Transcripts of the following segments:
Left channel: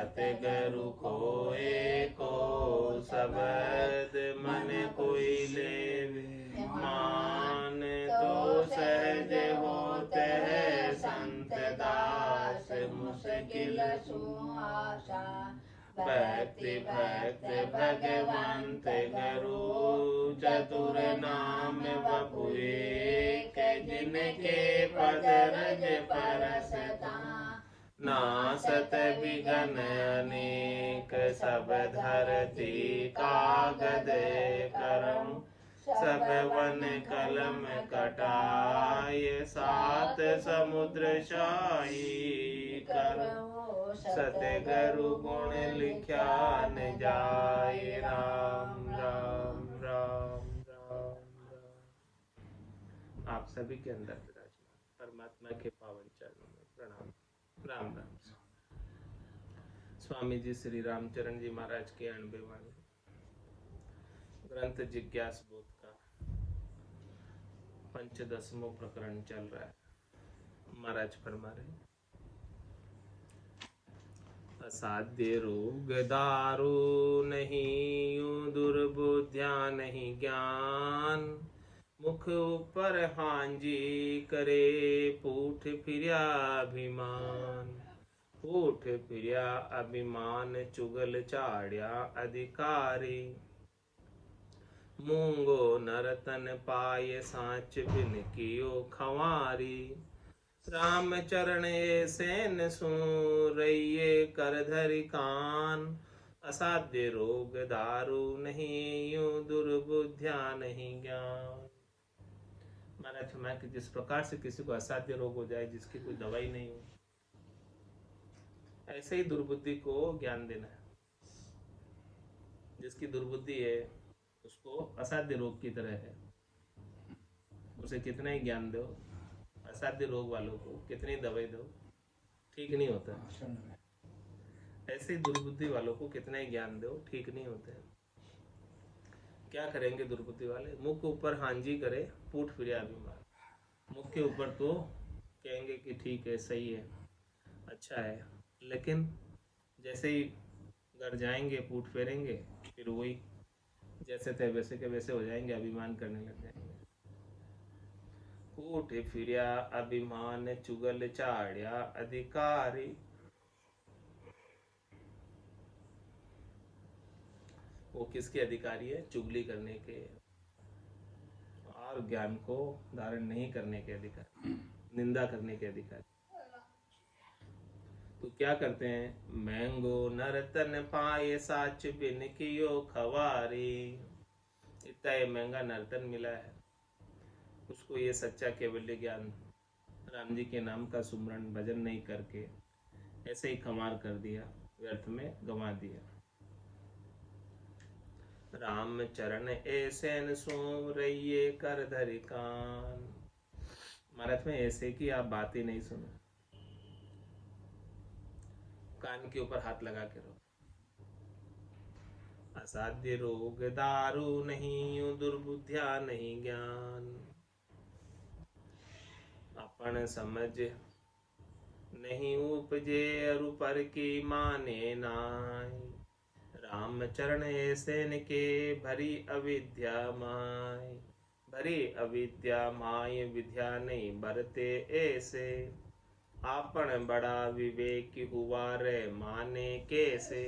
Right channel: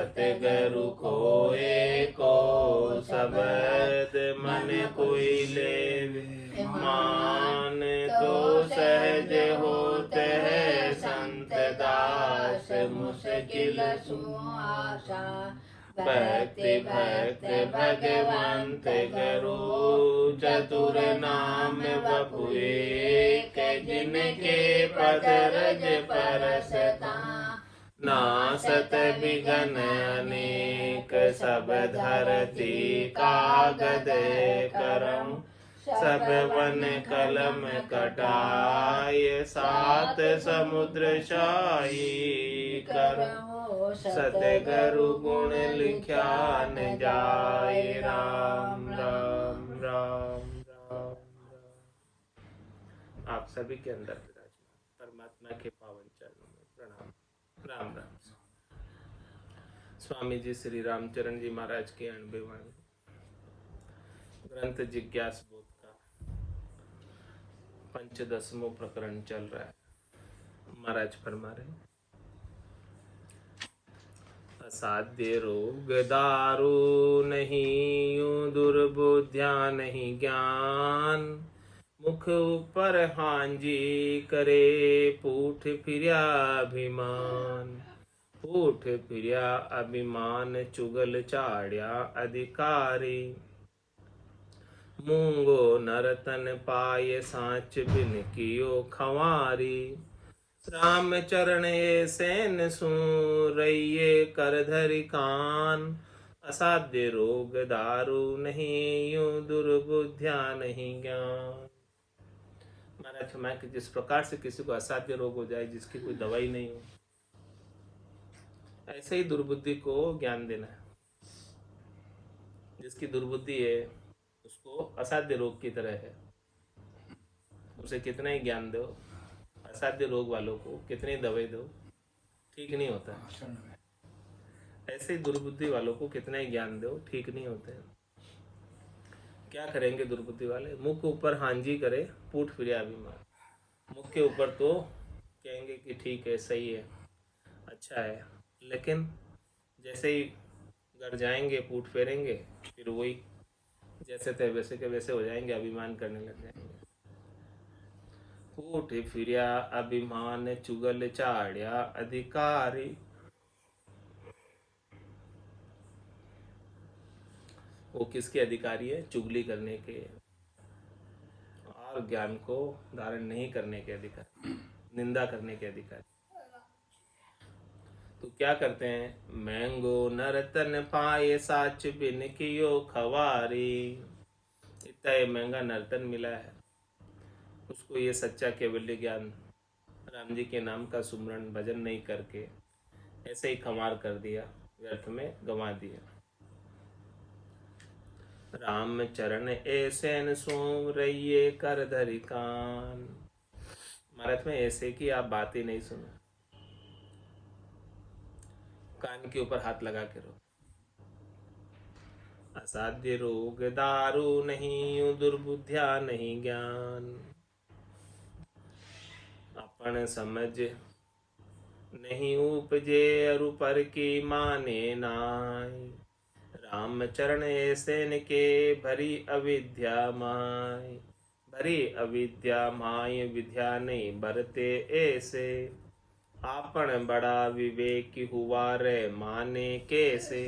सतगुरु खोए को सबद मन कोई लेवे मान। तो सहज होते है संत दास मुश्किल सुआसा। भक्ति भक्त भगवंत गुरु चतुर नाम बपुए के जिनके पद रज परसता। नासत बिघन अनेक सब धरती कागद करम। सब वन कलम कटाय सात समुद्र शाही करम। सतगुरु गुण लिख्या न जाए। राम राम राम राम। आप सभी के अंदर विराजमान परमात्मा के पावन चरणों में प्रणाम। राम राम। स्वामी जी श्री रामचरण जी महाराज की 90 वाणी ग्रंथ जिज्ञास बोध का 15वां प्रकरण चल रहा है। महाराज फरमा रहे, असाध्य रोग दारू नहीं यूं दुर्बुद्धिया नहीं ज्ञान। मुख ऊपर हांजी करे पूठ फिर्या अभिमान। पूठ फिर्या अभिमान चुगल चाड़्या अधिकारी। मूंगो नरतन पाए सांच बिन कियो खवारी। राम चरण सेन सुरइये कर धरि कान। असाध्य रोग दारू नहीं यूं दुर्बुद्धिया नहीं ज्ञान। महाराज फरमाया कि जिस प्रकार से किसी को असाध्य रोग हो जाए जिसकी कोई दवाई नहीं हो, ऐसे ही दुर्बुद्धि को ज्ञान देना है। जिसकी दुर्बुद्धि है उसको असाध्य रोग की तरह है, उसे कितना ही ज्ञान दो, असाध्य रोग वालों को कितनी दवाई दो, ठीक नहीं होता है। ऐसे ही दुर्बुद्धि वालों को कितना ही ज्ञान दो, ठीक नहीं होते हैं। क्या करेंगे दुर्बुद्धि वाले? मुख ऊपर हांजी करे पूठ फिरे अभिमान। मुख के ऊपर तो कहेंगे कि ठीक है, सही है, अच्छा है, लेकिन जैसे ही घर जाएंगे पूठ फेरेंगे फिर वही जैसे थे वैसे के वैसे हो जाएंगे, अभिमान करने लग जाएंगे। पूठ फिरिया अभिमान चुगल चाड़्या अधिकारी। वो किसके अधिकारी है? चुगली करने के और ज्ञान को धारण नहीं करने के अधिकारी, निंदा करने के अधिकारी। तो क्या करते हैं? मैंगो नर्तन पाए साच बिन कियो खवारी। इतना महंगा नर्तन मिला है, उसको ये सच्चा केवल्य ज्ञान राम जी के नाम का सुमरण भजन नहीं करके ऐसे ही खमार कर दिया, व्यर्थ में गंवा दिया। राम चरण ऐसे न सूम रहिए कर धरि कान। महाराज में ऐसे कि आप बात ही नहीं सुनो, कान के ऊपर हाथ लगा के रहो। असाध्य रोग दारू नहीं दुर्बुद्धिया नहीं ज्ञान। अपन समझ नहीं उपजे अरु पर की माने नाय। राम चरण ऐसे के भरी अविद्या माय। भरी अविद्या माय विद्या नहीं बरते ऐसे। आपन बड़ा विवेक हुआ रे माने कैसे।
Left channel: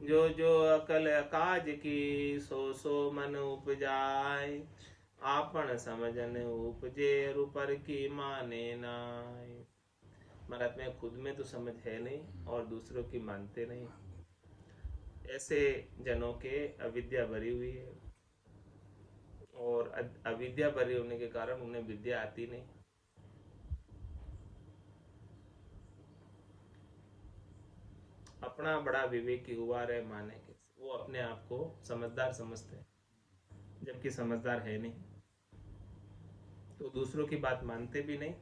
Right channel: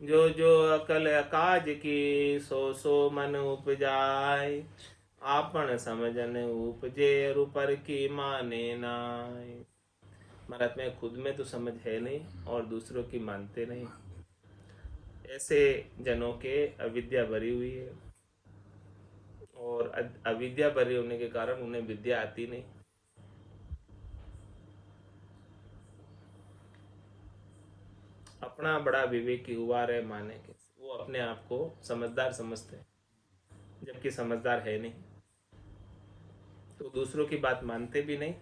जो जो अकल काज की सो सो मन उपजाय। आपन समझन उपजे रुपर की माने नाय। महाराज में खुद में तो समझ है नहीं और दूसरों की मानते नहीं। ऐसे जनों के अविद्या भरी हुई है और अविद्या भरी होने के कारण उन्हें विद्या आती नहीं। अपना बड़ा विवेकी हुआ रहे माने के, वो अपने आप को समझदार समझते हैं जबकि समझदार है नहीं। तो दूसरों की बात मानते भी नहीं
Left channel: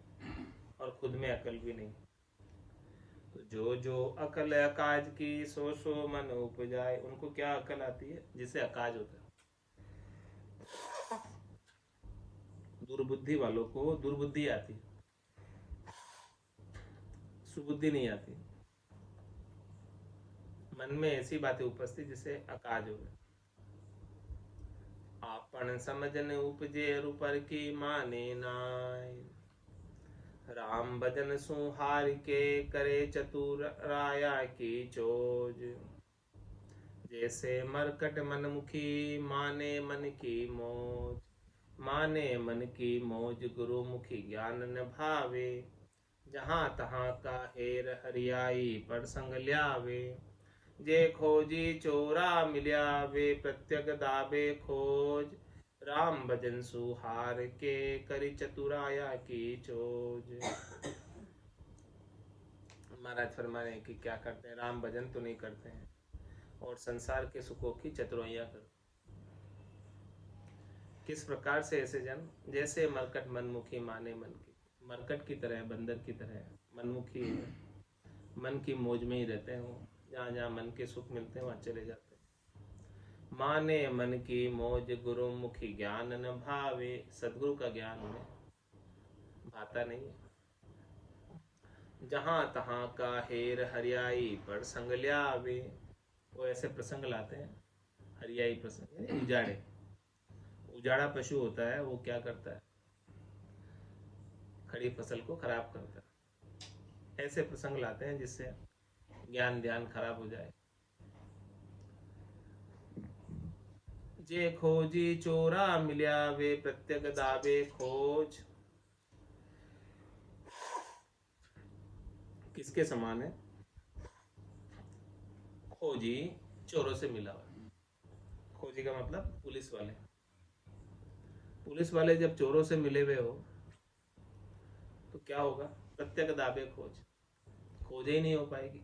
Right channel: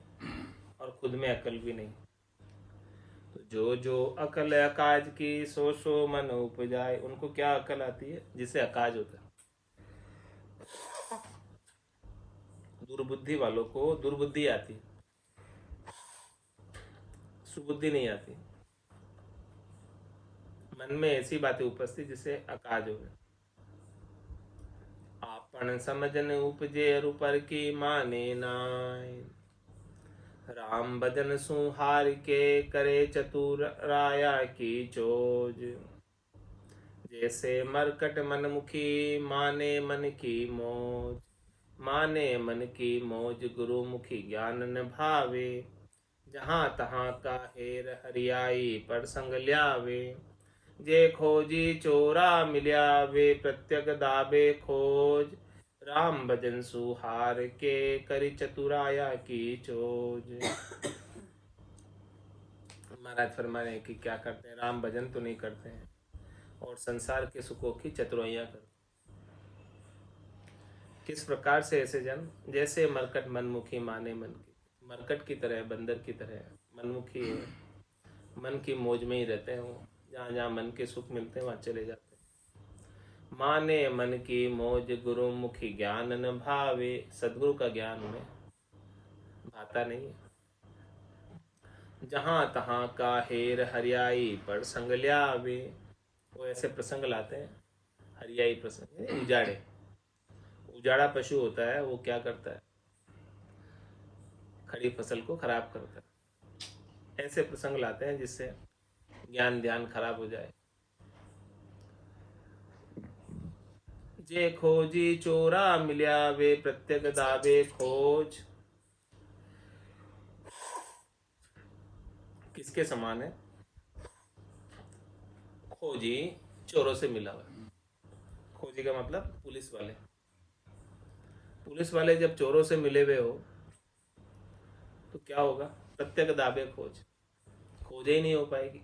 और खुद में अकल भी नहीं। तो जो जो अकल अकाज की सो सो मन उपजाए। उनको क्या अकल आती है? जिसे अकाज होता है। दुर्बुद्धि वालों को दुर्बुद्धि आती, सुबुद्धि नहीं आती। मन में ऐसी बातें उपस्थित जिससे अकाज हो गए। आपन समझन उपजे अरु पर की माने नाय, राम भजन सुहार के करे चतुर राया की चोज। जैसे मरकट मन मुखी माने मन की मौज, माने मन की मौज गुरु मुखी ज्ञान न भावे। जहाँ तहाँ का हेर हरियाई पर संग ल्यावे, जे खोजी चोरा मिल्या वे प्रत्यक दाबे खोज। राम भजन सुहार के करी चतुराया की चोज। महाराज फरमाने कि क्या करते हैं, राम भजन तो नहीं करते हैं और संसार के सुखों की चतुराइयाँ करते। किस प्रकार से ऐसे जन, जैसे मरकट मनमुखी माने मन की, मरकट की तरह, बंदर की तरह मनमुखी है, मन की मौज में ही रहते हैं वो, जहाँ जहाँ मन के सुख मिलते हैं वहाँ चले जाते हैं। माने मन की मौज गुरु मुखी ज्ञान न भावे, सदगुरु का ज्ञान उन्हें भाता नहीं है। जहाँ तहाँ का हेर हरियाई पर संग ल्यावे, वो ऐसे प्रसंग लाते हैं, हरियाई प्रसंग, उजाड़े, उजाड़ा पशु होता है, वो क्या करता है, खड़ी फसल को खराब करता है। ऐसे प्रसंग लाते हैं जिससे ज्ञान ध्यान खराब हो जाए। जे खोजी चोरा मिल्या वे प्रत्यक दावे खोज। किसके समान है? खोजी चोरों से मिला हुआ। खोजी का मतलब पुलिस वाले। पुलिस वाले जब चोरों से मिले हुए हो तो क्या होगा? प्रत्यक दाबे खोज, खोज ही नहीं हो पाएगी।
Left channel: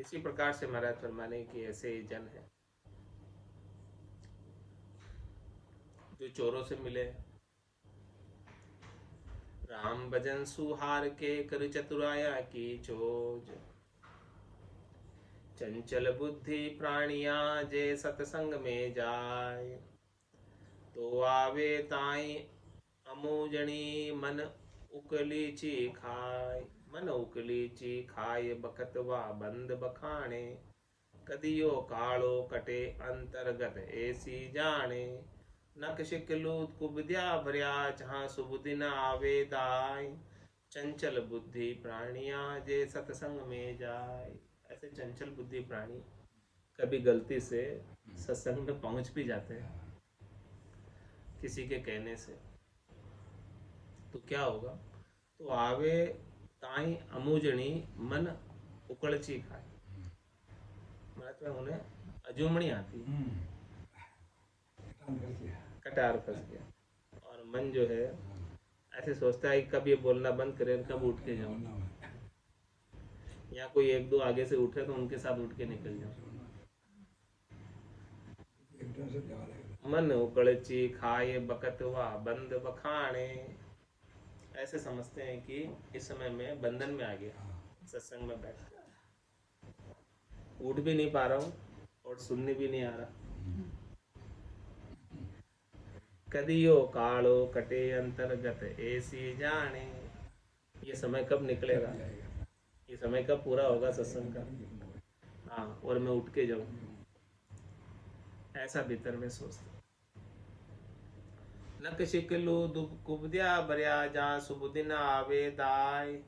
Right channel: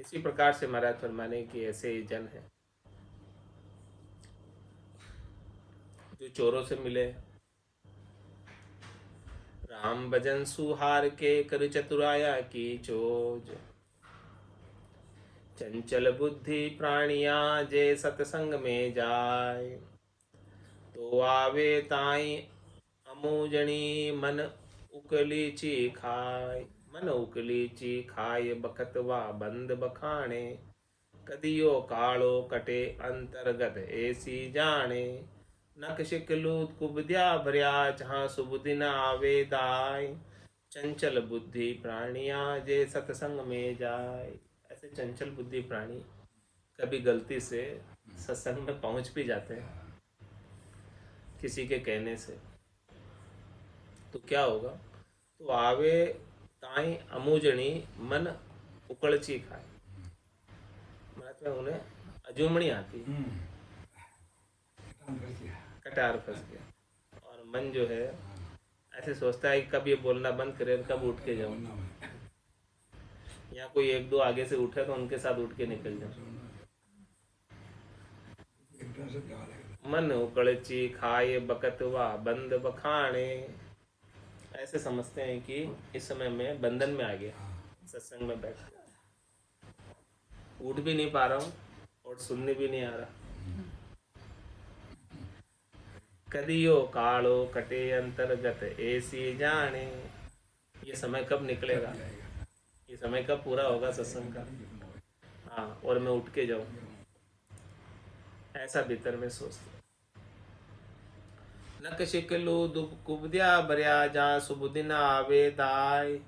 इसी प्रकार से महाराज फरमाने की ऐसे जन है जो चोरों से मिले, राम भजन सुहार के कर चतुराया की चोज। चंचल बुद्धि प्राणिया जे सत्संग में जाय, तो आवे ताई अमूजनी मन उकलीची खाय। मन उकलीची खाय बखतवा बंद बखाणे, कदियो कालो कटे अंतर्गत ऐसी जाने। नक शिकलूत कुबद्या भरिया जहाँ शुभ दिन आवे दाय, चंचल बुद्धि प्राणिया जे सत्संग में जाय। ऐसे चंचल बुद्धि प्राणी कभी गलती से सत्संग में पहुंच भी जाते हैं किसी के कहने से, तो क्या होगा? तो आवे ताई अमूजनी मन उकड़ची खाए, मतलब उन्हें अजूमणी आती, कटार फंस गया और मन जो है ऐसे सोचता है कि कब ये बोलना बंद करे, कब उठ के जाऊं। या कोई एक दो आगे से उठे तो उनके साथ उठ के निकल जाऊं। मन उकड़ची खाए बकतवा बंद बखाने, ऐसे समझते हैं कि इस समय में बंधन में आ गया, सत्संग में बैठ गया, उठ भी नहीं पा रहा हूँ और सुनने भी नहीं आ रहा। कदियो कालो कटे अंतर्गत ऐसी जाने, ये समय कब निकलेगा, ये समय कब पूरा होगा सत्संग का, हाँ, और मैं उठ के जाऊं, ऐसा भीतर में सोचते। नक शिकलू दुब कुबद्या भरिया जहाँ शुभ दिन आवे दाय,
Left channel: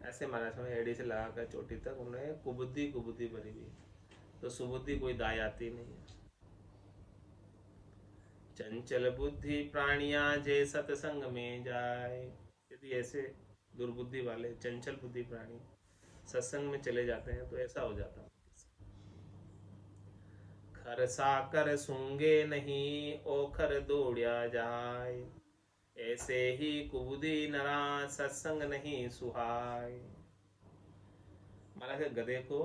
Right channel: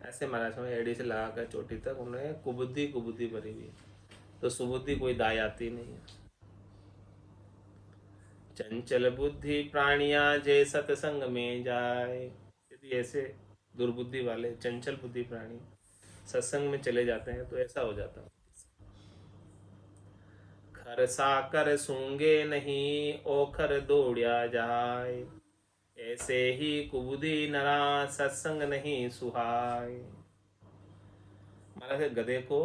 ऐसे महाराज में एड़ी से लगाकर चोटी तक उन्हें कुबुद्धि कुबुद्धि भरी हुई, तो सुबुद्धि कोई दाय आती नहीं है। चंचल बुद्धि प्राणिया जे सत्संग में जाए, यदि ऐसे दुर्बुद्धि वाले चंचल बुद्धि प्राणी सत्संग में चले जाते हैं तो ऐसा हो जाता है। खर साकर सूंगे नहीं ओखर दौड़िया जाए, ऐसे ही कुबुद्धि नरा सत्संग नहीं सुहाय। महाराज गधे को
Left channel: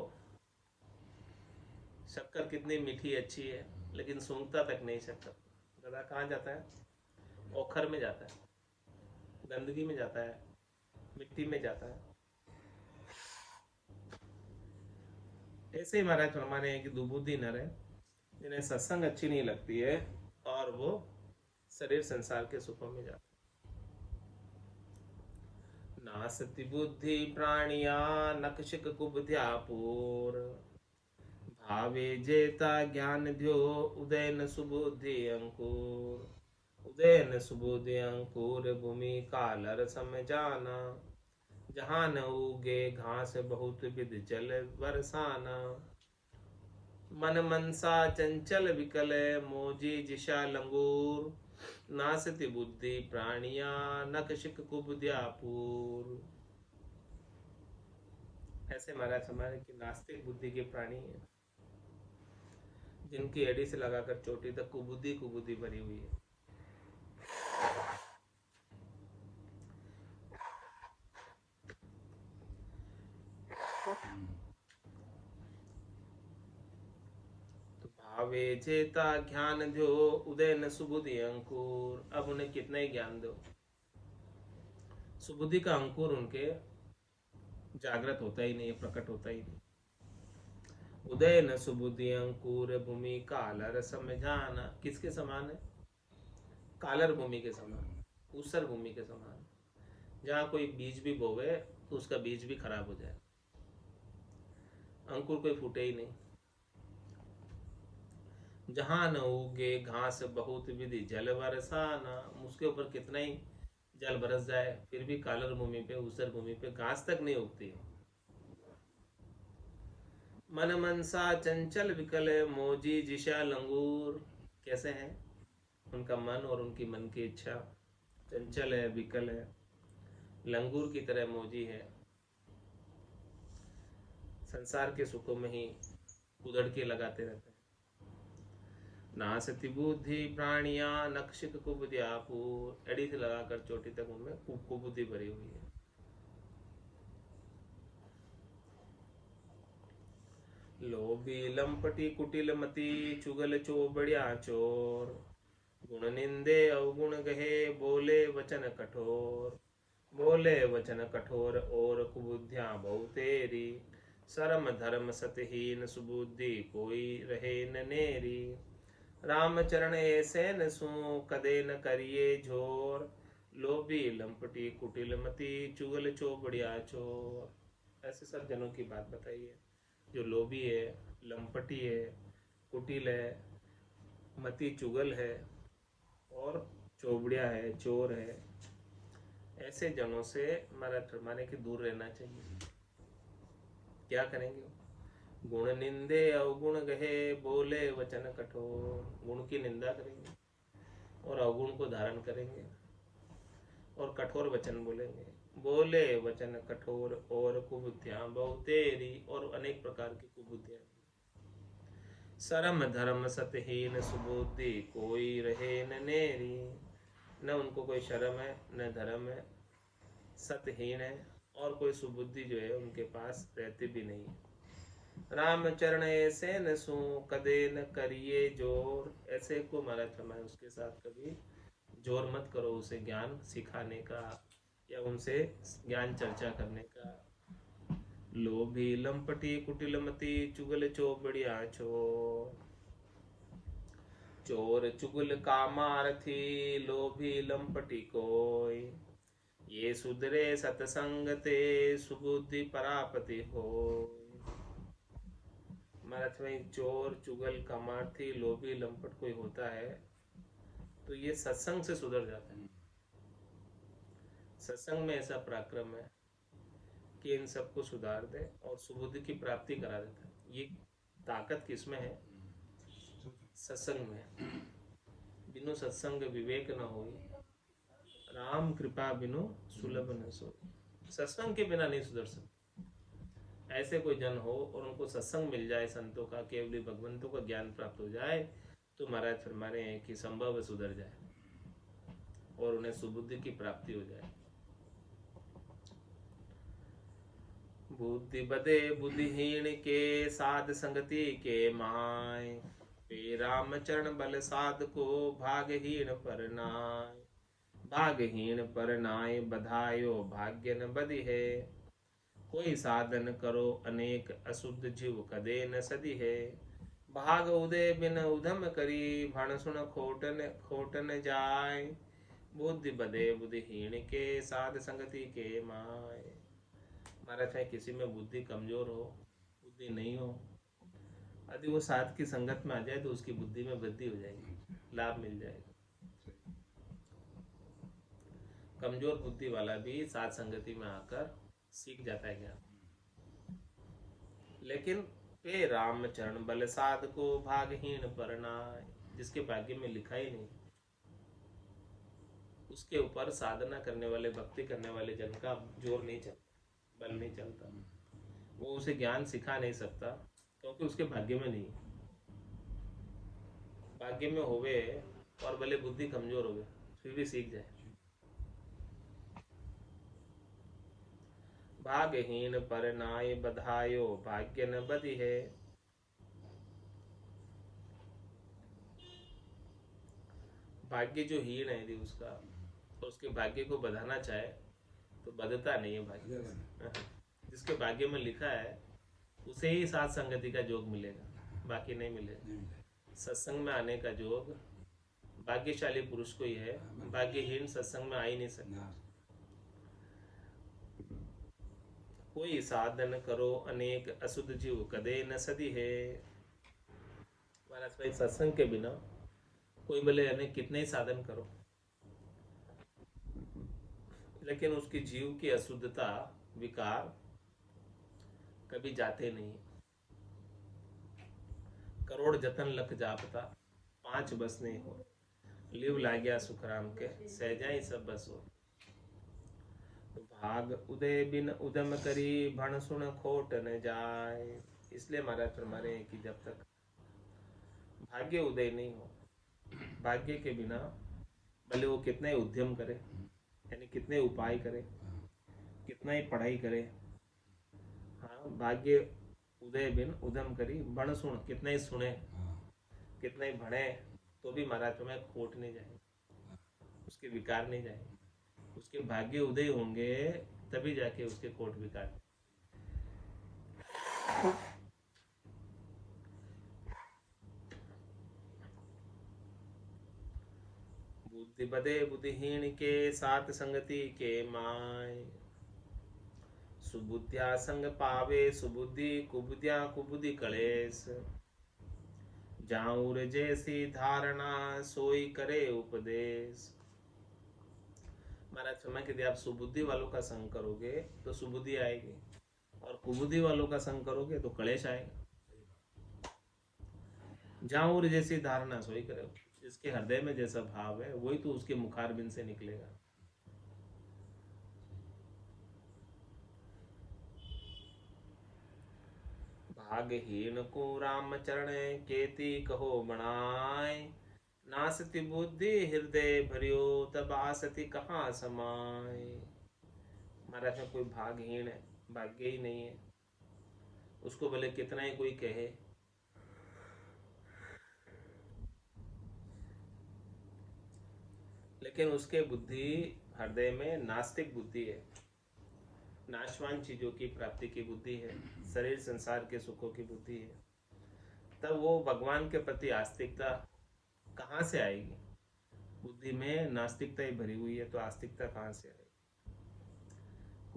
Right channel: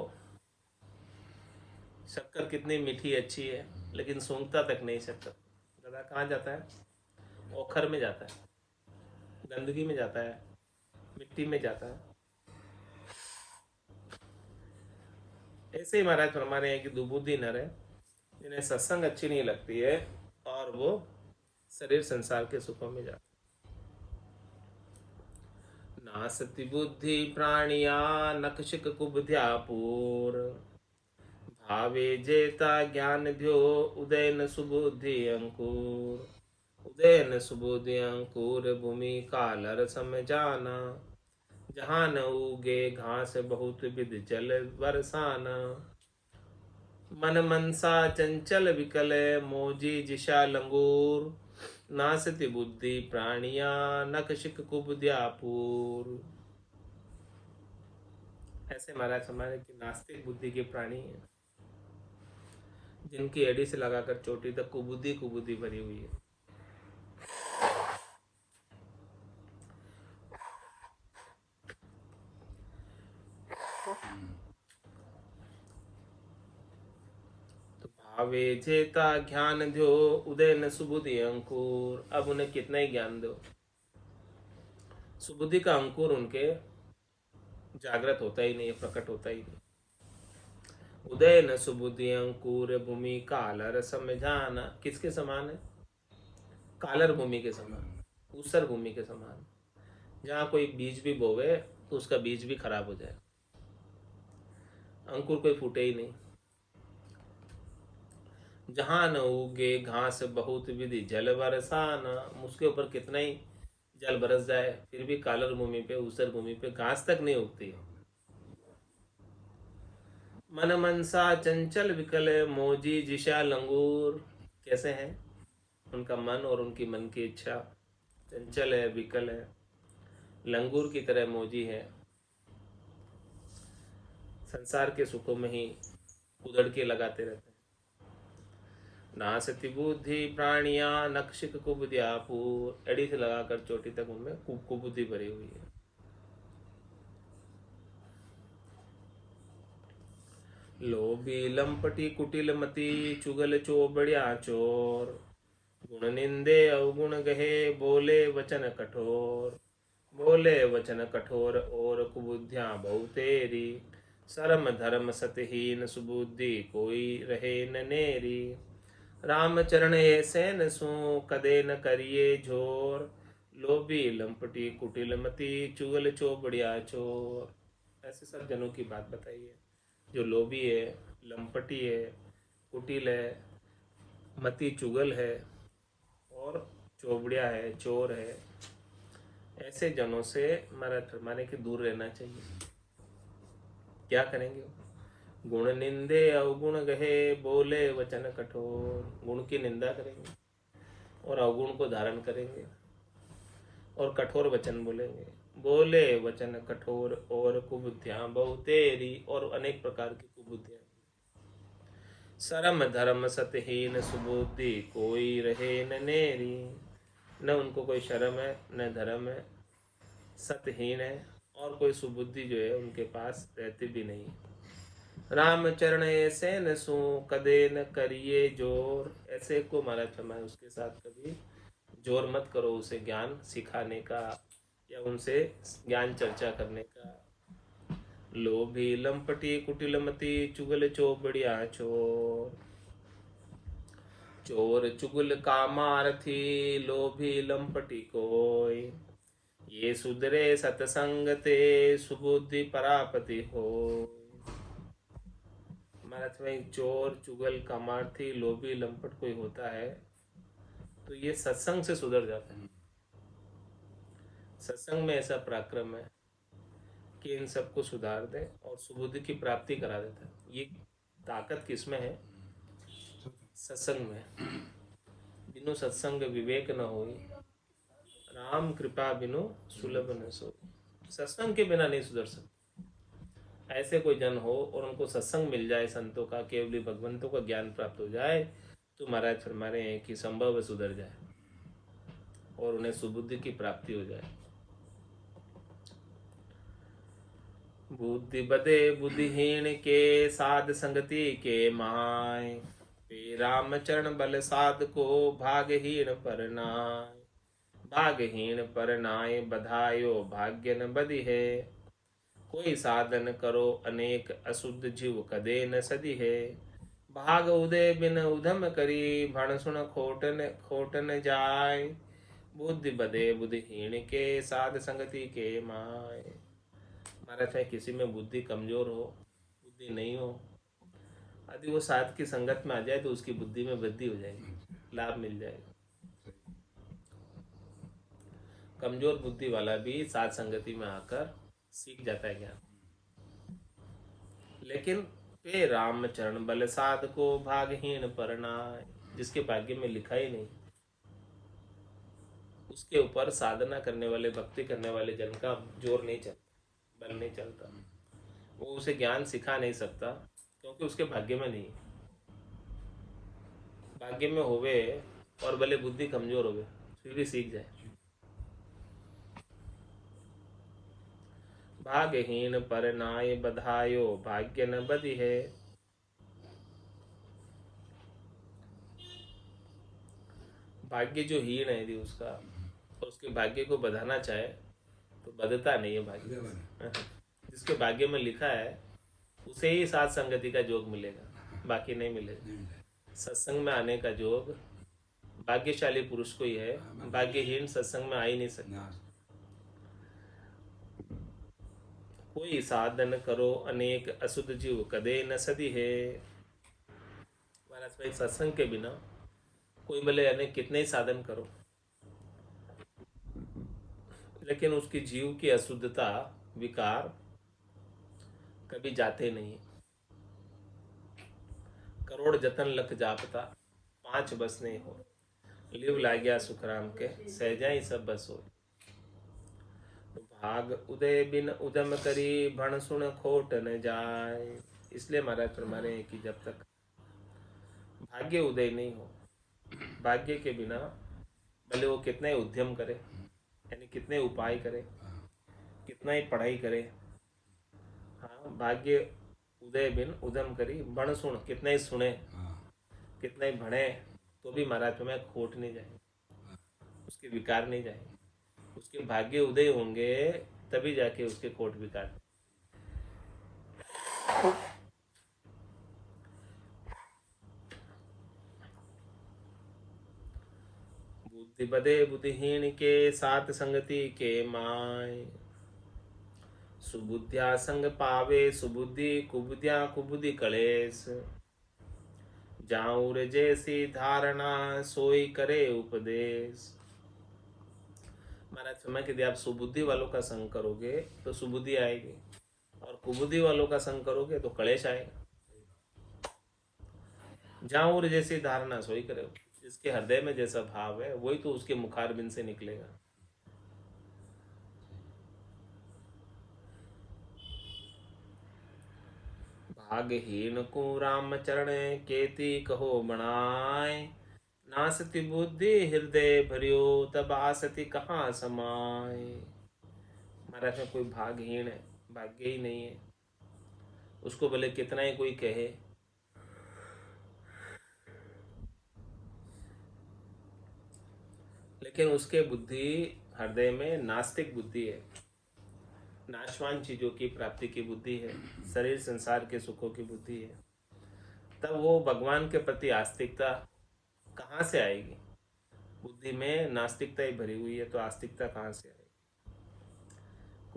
शक्कर कितनी मीठी अच्छी है लेकिन सूंघता तक नहीं शक्कर। गधा कहाँ जाता है? ओखर में जाता है, गंदगी में जाता है, मिट्टी में जाता है। ऐसे ही महाराज फरमाने हैं कि दुबुद्धि नर है जिन्हें सत्संग अच्छी नहीं लगती है और वो शरीर संसार के सुखों में जाते। नासति बुद्धि प्राणिया नखशिक कुबध्यापूर भावे जेता ज्ञान ध्यो उदयन सुबुद्धि अंकुर उदयन सुबुद्धि अंकुर भूमि कालर सम जाना जहाँ न उगे घास बहुत विध जल बरसाना मन मनसा चंचल विकल मोजी जिशा लंगूर नासति बुद्धि प्राणिया नखशिक कुबध्यापूर। ऐसे महाराज हमारे की नास्तिक बुद्धि के प्राणी हैं जिनकी एड़ी से लगाकर चोटी तक कुबुद्धि कुबुद्धि भरी हुई है। तो भावे जेता ज्ञान दो उदय न सुबुद्धि अंकुर। अब उन्हें कितना ही ज्ञान दो, सुबुद्धि का अंकुर उनके जागृत होता ही नहीं है, प्रकट होता ही नहीं। उदय न सुबुद्धि अंकुर भूमि कालर सम जाना। किसके समान है? कालर भूमि के समान, ऊसर भूमि के समान। जहाँ कोई बीज भी बोवे तो उसका बीज भी खराब हो जाए, अंकुर कोई फूटे ही नहीं। जहाँ न उगे घास बहुत विधि जल बरसाना। उसके ऊपर कितना ही जल बरस जाए फिर भी कालर भूमि पे, ऊसर भूमि पे घास तक नहीं उगती। मन मनसा चंचल विकल मोजी जिशा लंगूर। कैसे हैं? उनका मन और उनकी मन की इच्छा चंचल है, विकल है, लंगूर की तरह मोजी है, संसार के सुखों में ही उधड़ के लगाते रहते हैं। नासति बुद्धि प्राणिया नक्षिक कुबुद्यापूर। एड़ी से लगाकर चोटी तक उनमें कुबुद्धि भरी हुई है। लोभी लंपटी कुटिल मति चुगल चोबड़िया चोर गुण निंदे अवगुण गहे बोले वचन कठोर। बोले वचन कठोर और कुबुद्धियां बहुतेरी शर्म धर्म सतहीन सुबुद्धि कोई रहे न नेरी। राम चरण ऐसे न सो कदे न करिए झोर लोभी लंपटी कुटिल मति चुगल चोबड़िया चोर। ऐसे सब जनों की बात बताइए जो लोभी है, लंपटी है, कुटिल है, मति चुगल है और चोबड़िया है, चोर है। ऐसे जनों से महाराज फरमाने के दूर रहना चाहिए। क्या करेंगे? गुण निंदे अवगुण गहे बोले वचन कठोर। गुण की निंदा करेंगे और अवगुण को धारण करेंगे और कठोर वचन बोलेंगे। बोले वचन कठोर और कुबुद्धियां बहुतेरी, और अनेक प्रकार की कुबुद्धियां। शर्म धर्म सतहीन सुबुद्धि कोई रहे न नेरी। न उनको कोई शर्म है, न धर्म है, सतहीन है, और कोई सुबुद्धि जो है उनके पास रहती भी नहीं। राम चरण ऐसे न सो कदे न करिए जोर। ऐसे को महाराज फरमाए उसके साथ कभी जोर मत करो, उसे ज्ञान सिखाने का या उनसे ज्ञान चर्चा करने का। लोभी लंपटी कुटिलमती चुगल चोबड़िया चोर। चोर चुगल कामार्थी लोभी लंपटी कोय ये सुधरे सतसंग ते सुबुद्धि परापति हो। महाराज में चोर चुगल कामार्थी लोभी लंपट कोई होता है तो ये सत्संग से सुधर जाता है। सत्संग में ऐसा पराक्रम है कि इन सबको सुधार दे और सुबुद्धि की प्राप्ति करा देता है। ये ताकत किसमें है? सत्संग में। बिनु सत्संग विवेक न हो, राम कृपा बिनु सुलभ न सो। सत्संग के बिना नहीं सुधर सकते। ऐसे कोई जन हो और उनको सत्संग मिल जाए, संतों का, केवली भगवंतों का ज्ञान प्राप्त हो जाए तो महाराज फरमा रहे हैं कि संभव सुधर जाए और उन्हें सुबुद्धि की प्राप्ति हो जाए। बुद्धि बदे बुद्धिहीन के साध संगति के माय राम चरण बल साध को भागहीन पर नाय। भागहीन पर नाय बधायो भाग्य न बदि है। कोई साधन करो अनेक अशुद्ध जीव कदे न सदी है। भाग उदय बिन उधम करी भण सुन खोटन खोटन जाय। बुद्धि बदे बुद्धिहीन के साध संगति के माय। हमारा चाहे किसी में बुद्धि कमजोर हो, बुद्धि नहीं हो, यदि वो साध की संगत में आ जाए तो उसकी बुद्धि में वृद्धि हो जाएगी, लाभ मिल जाएगा। कमजोर बुद्धि वाला भी साध संगति में आकर सीख जाता है ज्ञान। लेकिन पे राम चरण बल साध को भागहीन परनाय, जिसके भाग्य में लिखा ही नहीं, उसके ऊपर साधना करने वाले, भक्ति करने वाले जन का जोर नहीं चलता, बल नहीं चलता। वो उसे ज्ञान सिखा नहीं सकता क्योंकि उसके भाग्य में नहीं। भाग्य में होवे और भले बुद्धि कमजोर होवे फिर भी सीख जाए। भाग्यहीन पर नाय बधायो भाग्य न बधि है। भाग्य जो हीन है यदि उसका, और उसके भाग्य को बधाना चाहे तो बधता नहीं है भाग्य। जिसके भाग्य में लिखा है उसे ही साथ संगति का योग मिलेगा, बाकी नहीं मिलेगा। सत्संग में आने का योग भाग्यशाली पुरुष को ही है, भाग्यहीन सत्संग में आ ही नहीं सकता। कोई साधन करो अनेक असुध जीव कदे न सदी है। महाराज भाई, सत्संग के बिना कोई भले अनेक कितने ही साधन करो, लेकिन उसकी जीव की अशुद्धता, विकार कभी जाते नहीं। करोड़ जतन लख जापता, 5 बस नहीं हो। लिव लाग्या सुखराम के, सहजाई सब बस हो। भाग उदय बिन उदम करी, भण सुन खोट न जाए। इसलिए महाराज फरमाने हैं कि जब तक भाग्य उदय नहीं हो, भाग्य के बिना भले वो कितना ही उद्यम करे, यानी कितने उपाय करे, कितना ही पढ़ाई करे, हाँ, भाग्य उदय बिन उदम करी, बण सुन, कितना ही सुने, कितना ही भणे, तो भी महाराज में खोट नहीं जाए, उसके विकार नहीं जाए। उसके भाग्य उदय होंगे तभी जाके उसके खोट विकार। बुद्धि बदे बुद्धिहीन के साथ संगति के माय। सुबुद्धिया संग पावे सुबुद्धि, कुबुद्धिया कुबुद्धि कलेस। जाऊर जैसी धारणा सोई करे उपदेश। महाराज समय यदि आप सुबुद्धि वालों का संग करोगे तो सुबुद्धि आएगी, और कुबुद्धि वालों का संग करोगे तो कलेश आएगा। जाऊर जैसी धारणा सोई करे, जिसके हृदय में जैसा भाव है वही तो उसके मुखारबिंद से निकलेगा। भाग्यहीन को राम चरण केती कहो बनाए। नासति बुद्धि हृदय भरियो, तब आसति कहाँ समाए। महाराज में कोई भाग्यहीन है, भाग्य ही नहीं है, उसको भले कितना ही कोई कहे, लेकिन उसके बुद्धि हृदय में नास्तिक बुद्धि है, नाशवान चीजों की प्राप्ति की बुद्धि है, शरीर संसार के सुखों की बुद्धि है। तब वो भगवान के प्रति आस्तिकता कहाँ से आएगी? बुद्धि में नास्तिकता ही भरी हुई है तो आस्तिकता कहाँ से आएगी?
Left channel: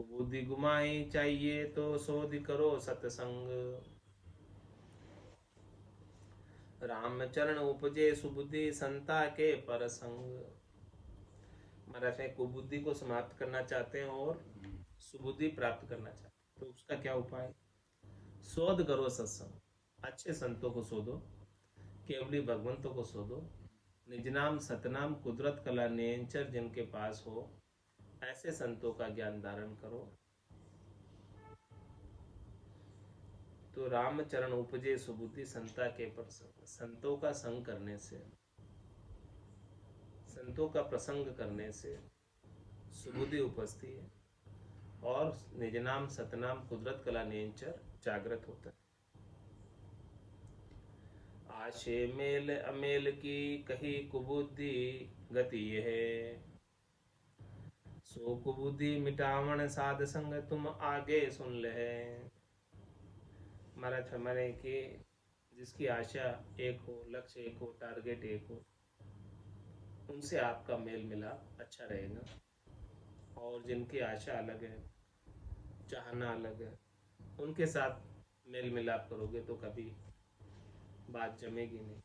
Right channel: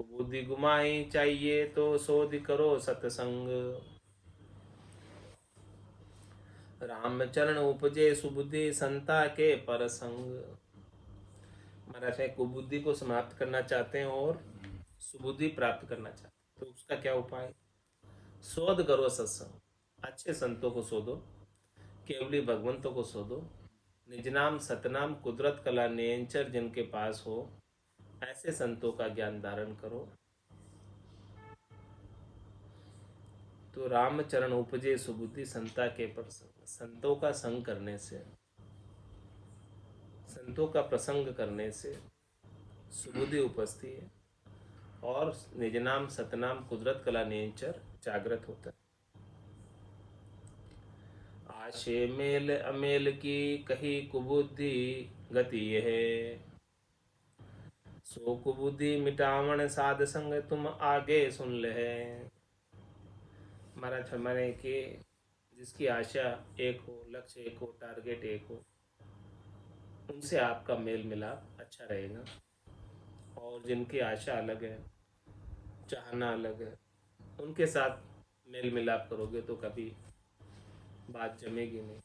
बुद्धि गुमाई चाहिए तो शोध करो सत्संग। राम चरण उपजे सुबुद्धि, संता के परसंग। महाराज कुबुद्धि को समाप्त करना चाहते हैं और सुबुद्धि प्राप्त करना चाहते हैं तो उसका क्या उपाय? शोध करो सत्संग, अच्छे संतों को शोधो, केवली भगवंतों को शोधो, निज नाम सतनाम कुदरत कला नेंचर जिनके पास हो ऐसे संतों का ज्ञान धारण करो तो रामचरण उपजे सुबुद्धि, संता के प्रसंग। संतों का संग करने से, संतों का प्रसंग करने से सुबुद्धि उपजती है और निज नाम सतनाम कुदरत कला नेंचर जागृत होता है। आशे मेल अमेल की कही कुबुद्धि गति है। सो कुबुद्धि मिटावण साध संग, तुम आगे सुन ले। महाराज फरमाने कि जिसकी आशा एक हो, लक्ष्य एक हो, टारगेट एक हो, उनसे आपका मेल मिलाप अच्छा रहेगा। और जिनकी आशा अलग है, चाहना अलग है, उनके साथ मेल मिलाप करोगे तो कभी बात जमेगी नहीं।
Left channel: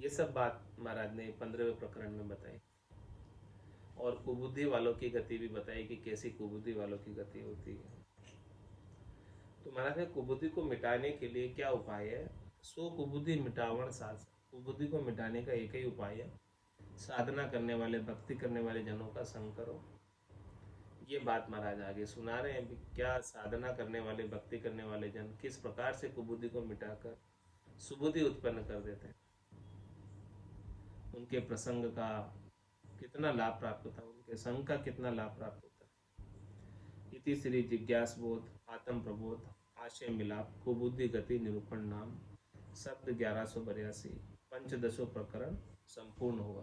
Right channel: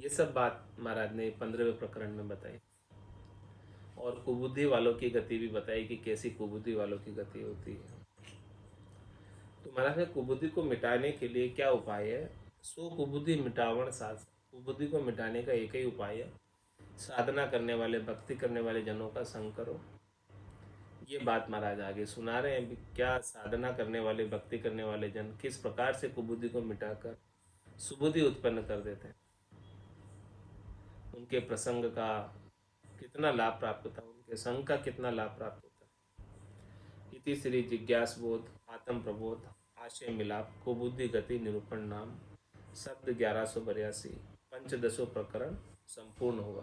ये सब बात महाराज ने 15वें प्रकरण में बताई, और कुबुद्धि वालों की गति भी बताई कि कैसी कुबुद्धि वालों की गति होती है। तो महाराज ने कुबुद्धि को मिटाने के लिए क्या उपाय है? सो कुबुद्धि मिटावण साध। कुबुद्धि को मिटाने का एक ही उपाय है, साधना करने वाले, भक्ति करने वाले जनों का संग करो। ये बात महाराज आगे सुना रहे हैं, क्या साधना करने वाले, भक्ति करने वाले जन किस प्रकार से कुबुद्धि को मिटाकर सुबुद्धि उत्पन्न कर देते हैं, उनके प्रसंग का कितना लाभ प्राप्त होता है, उनके संग का कितना लाभ प्राप्त होता है। इति श्री जिज्ञास बोध आत्म प्रबोध आशय मिलाप कुबुद्धि गति निरूपण नाम शब्द 1182 पंचदशो प्रकरण संपूर्ण हुआ।